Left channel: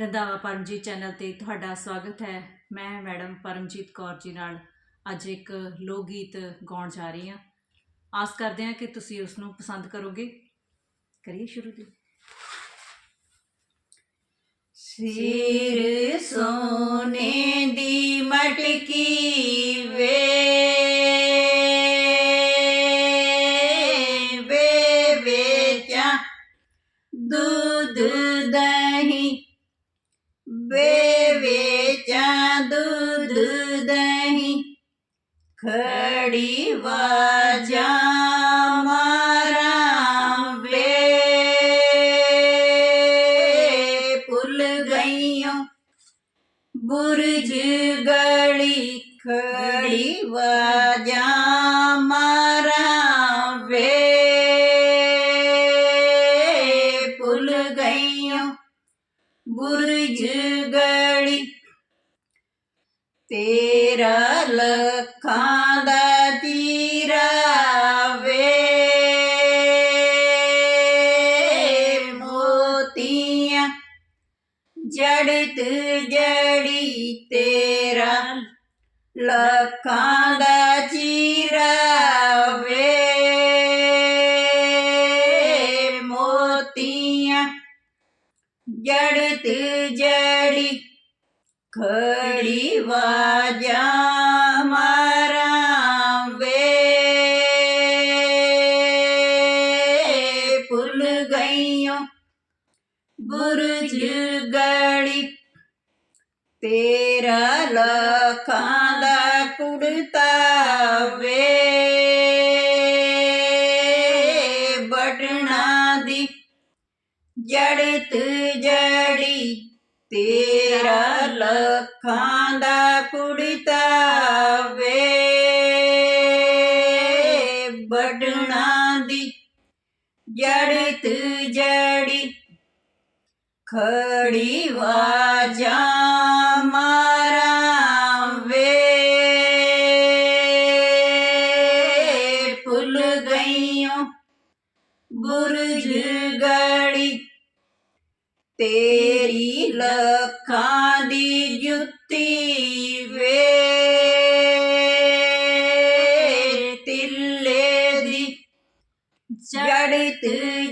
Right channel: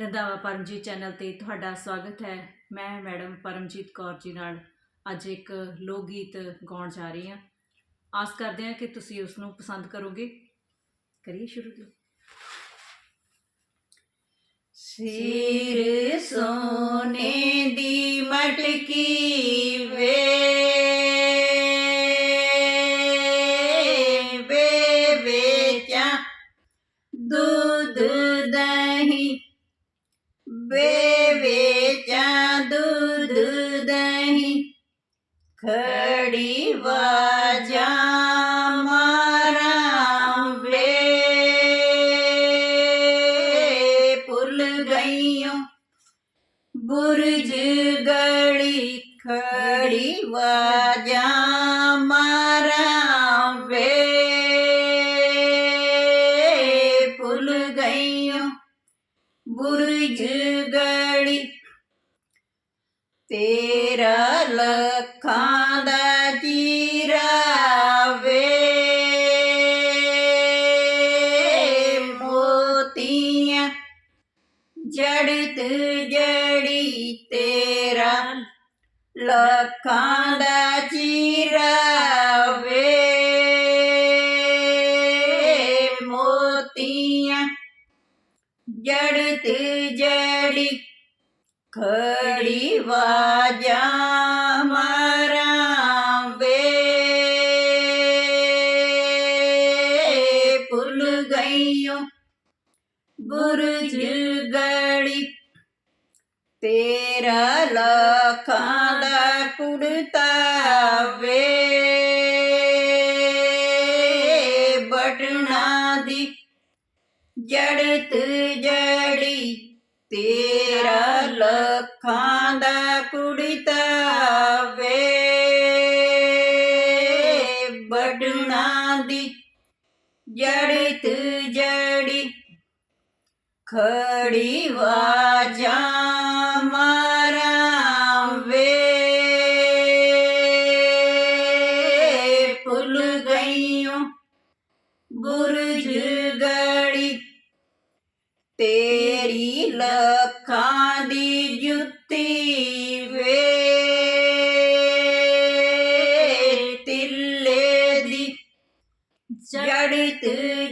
Randhawa Paramjit channel ਤੇ ਤੁਹਾਡਾ ਸਵਾਗਤ ਹੈ। ਮੈਂ ਮੈਡਮ ਪਰਮਜੀਤ ਕੌਰ ਜੀ ਨਾਲ ਅੱਜ ਇੱਕ ਲੋਕ ਗੀਤ ਗਾਉਣ ਜਾ ਰਹੀ ਹਾਂ। ਆਸ ਕਰਦੇ ਹਾਂ ਕਿ ਤੁਸੀਂ ਉਸ ਨੂੰ ਪਸੰਦ ਕਰੋਗੇ। ਕਰੀਏ ਸ਼ੁਰੂ ਜੀ। ਸਿਰ ਸੋਨੇ ਦੀ ਮਟਕੀ ਵੇ ਦੁੱਧ ਦਹੀਂ ਵੇ ਵੇਚਾਂ ਦੁੱਧ ਦਹੀਂ। ਖੜੀ ਵਾਜਾਂ ਮਾਰਾਂ ਵੇ। ਭੁੱਲ ਗਈਓ ਬੁਰਜ ਗੜੀ ਖੜੀ ਵਾਜਾਂ ਮਾਰਾਂ ਵੇ। ਭੁੱਲ ਗਈਓ ਬੁਰਜ ਗਲੀ ਤੇਰਾ ਲੱਖਾਂ ਦਾ ਜੀਰਾ ਵੇ। ਮੋਤੀਆਂ ਜੜਤ ਜੜੀ ਤੇਰਾ। ਲੱਖਾਂ ਦਾ ਚੀਰਾ ਵੇ। ਮੋਤੀਆਂ ਜੜਤ ਜੜੀ ਖੜੀ ਵਾਜਾਂ। ਭੁੱਲ ਗਈਓ। ਬੁਰਜ ਗੜੀ। ਤੇਰਾ ਲੱਖਾਂ ਦਾ ਕੁੜਤਾ ਵੇ। ਬਟਣਾ ਦੀ ਜੜਤ ਜੜੀ। ਤੇਰਾ ਲੱਖਾਂ ਦਾ ਕੁੜਤਾ ਵੇ। ਬਟਣਾ ਦੀ ਜੜਤ ਜੜੀ ਖੜੀ ਵਾਜਾਂ ਮਾਰਾਂ ਵੇ ਭੁੱਲ ਗਈਓ ਬੁਰਜ ਗੜੀ ਤੇਰੀ ਲੱਖਾਂ ਦੀ ਜੜਤ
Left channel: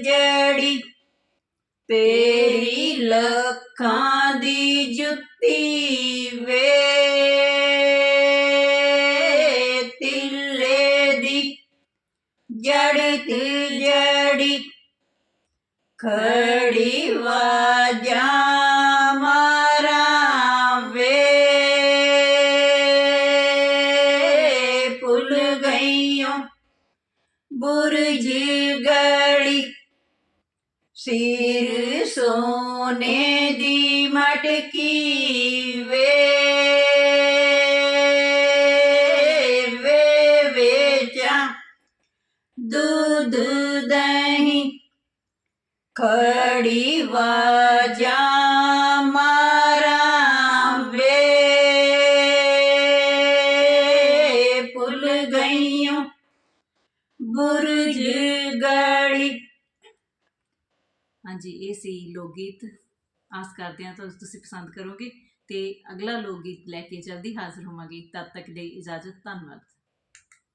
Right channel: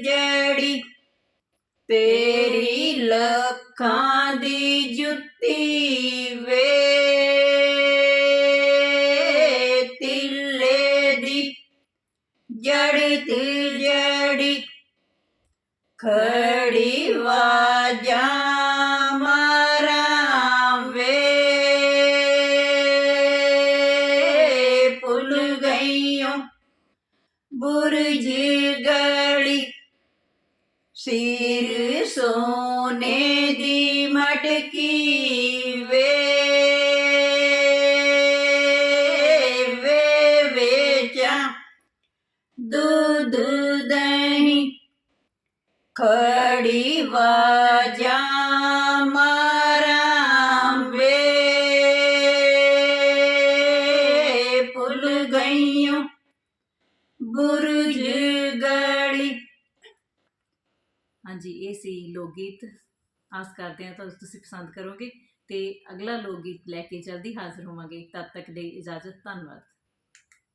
ਜੜੀ ਤੇਰੀ ਲੱਖਾਂ ਦੀ ਜੁੱਤੀ ਵੇ ਤਿੱਲੇ ਦੀ ਜੜਤ ਜੜੀ ਖੜੀ ਵਾਜਾਂ ਬੁਰਜ ਗੜੀ ਸਿਰ ਸੋਨੇ ਦੀ ਮਟਕੀ ਵੇ ਵੇ ਵੇਚਾਂ ਦੁੱਧ ਦਹੀਂ ਖੜੀ ਬੁਰਜ ਗੜੀ ਹਾਂਜੀ, ਇਹ ਸੀ ਲੋਕ ਗੀਤ ਆਸ ਕਰਦੇ ਹਾਂ ਤੁਹਾਨੂੰ ਤੁਸੀਂ ਪਸੰਦ ਕਰੋਗੇ ਤੇ ਅਗਲਾ ਲੋਕ ਗੀਤ ਲੈ ਕੇ ਜਲਦੀ ਹਾਜ਼ਰ ਹੋਵਾਂਗੇ। ਤਦ ਤੱਕ ਲਈ ਇਜਾਜ਼ਤ, ਧੰਨਵਾਦ।